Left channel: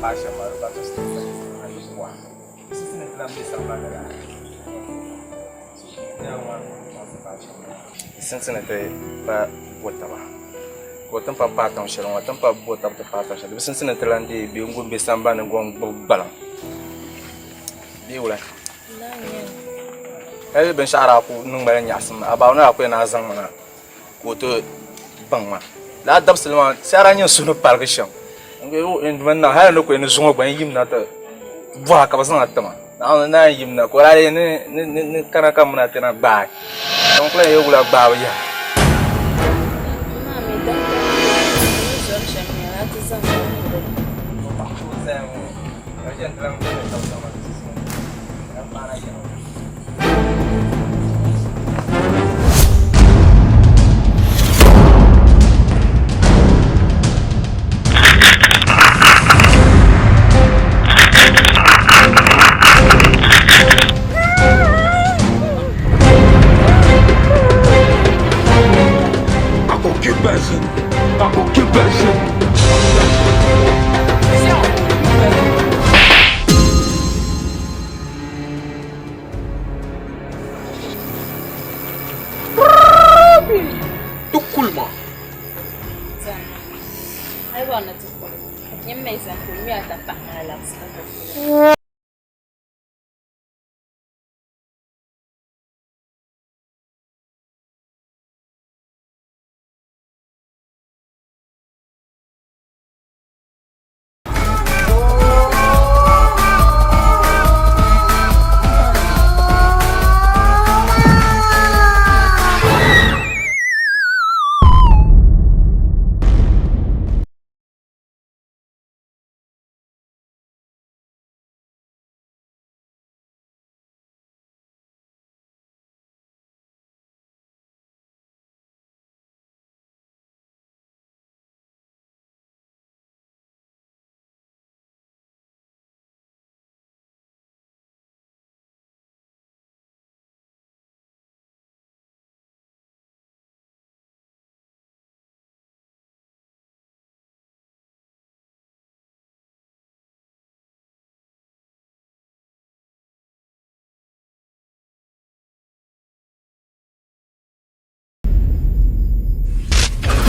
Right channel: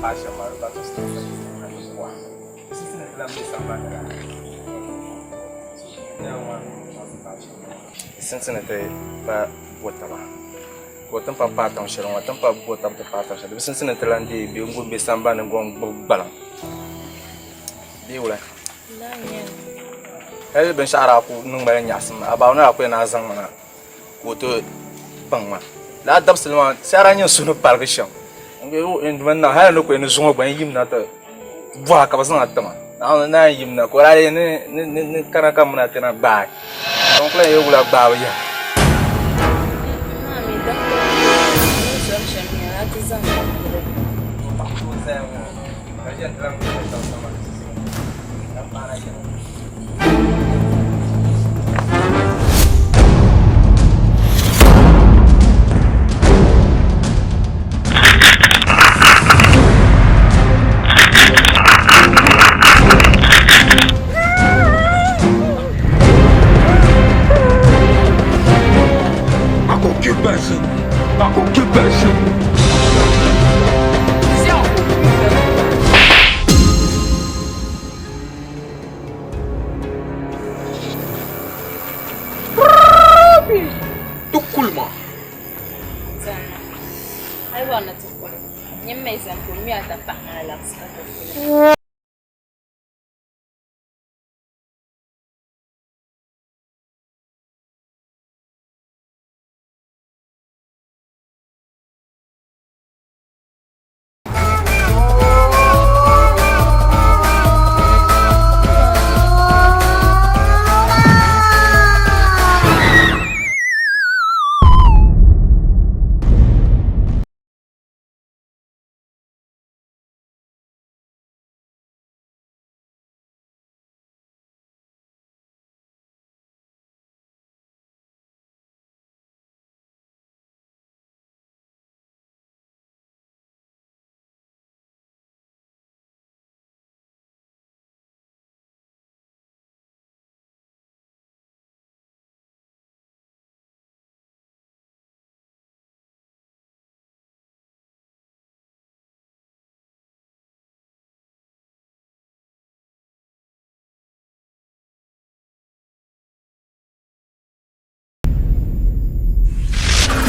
passion ma ba to stay na kwa sisi na tlam bisa ba da ya wa passion since na te pa bota ba bota pa patong shiro wa tan pa bota pa patong shiro since na tlam di bi ngumbe samba na ngong balang bi wala la nya ai ben shara ku nung ba nyasma abaw na ku na zang mana ko to bangma la dab silma shara nyin sunu parkisham ngeyo en na ha no ko en zungo ban yim na ta bwa ka basan atama na yim na ko la ne kana kam na tena ba donc la yo la ba ya mami dan ko ni zo shamia ati zanga ko pa ko za mo la jen tram ko ta sama na para ya Occupation. Tukulma. zana ai wana tukule nyemme izan ko mi ata pa ala ska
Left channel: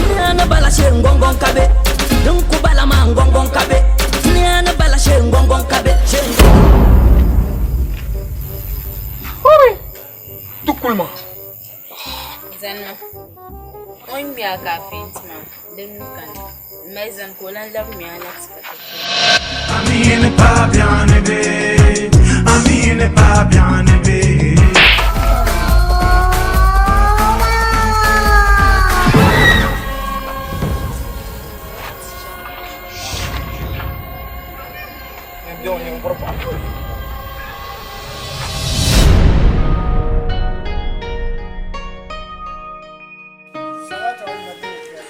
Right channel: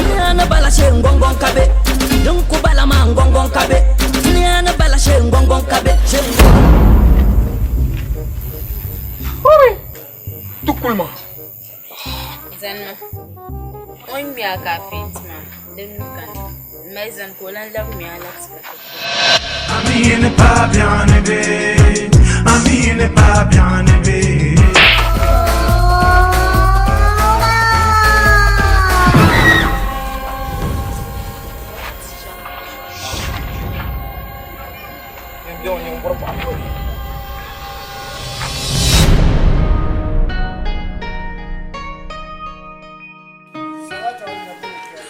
Niana bala she ngongon kabe dunku bala ma ngongon kabe niana bala she ngongon kabe she Tukulma. zana on mi aka fitma den kan mais zan ko lan la mi ala ska Ami n'est pas bien élevé, Ami n'est pas bien élevé. Yo, yung por pa.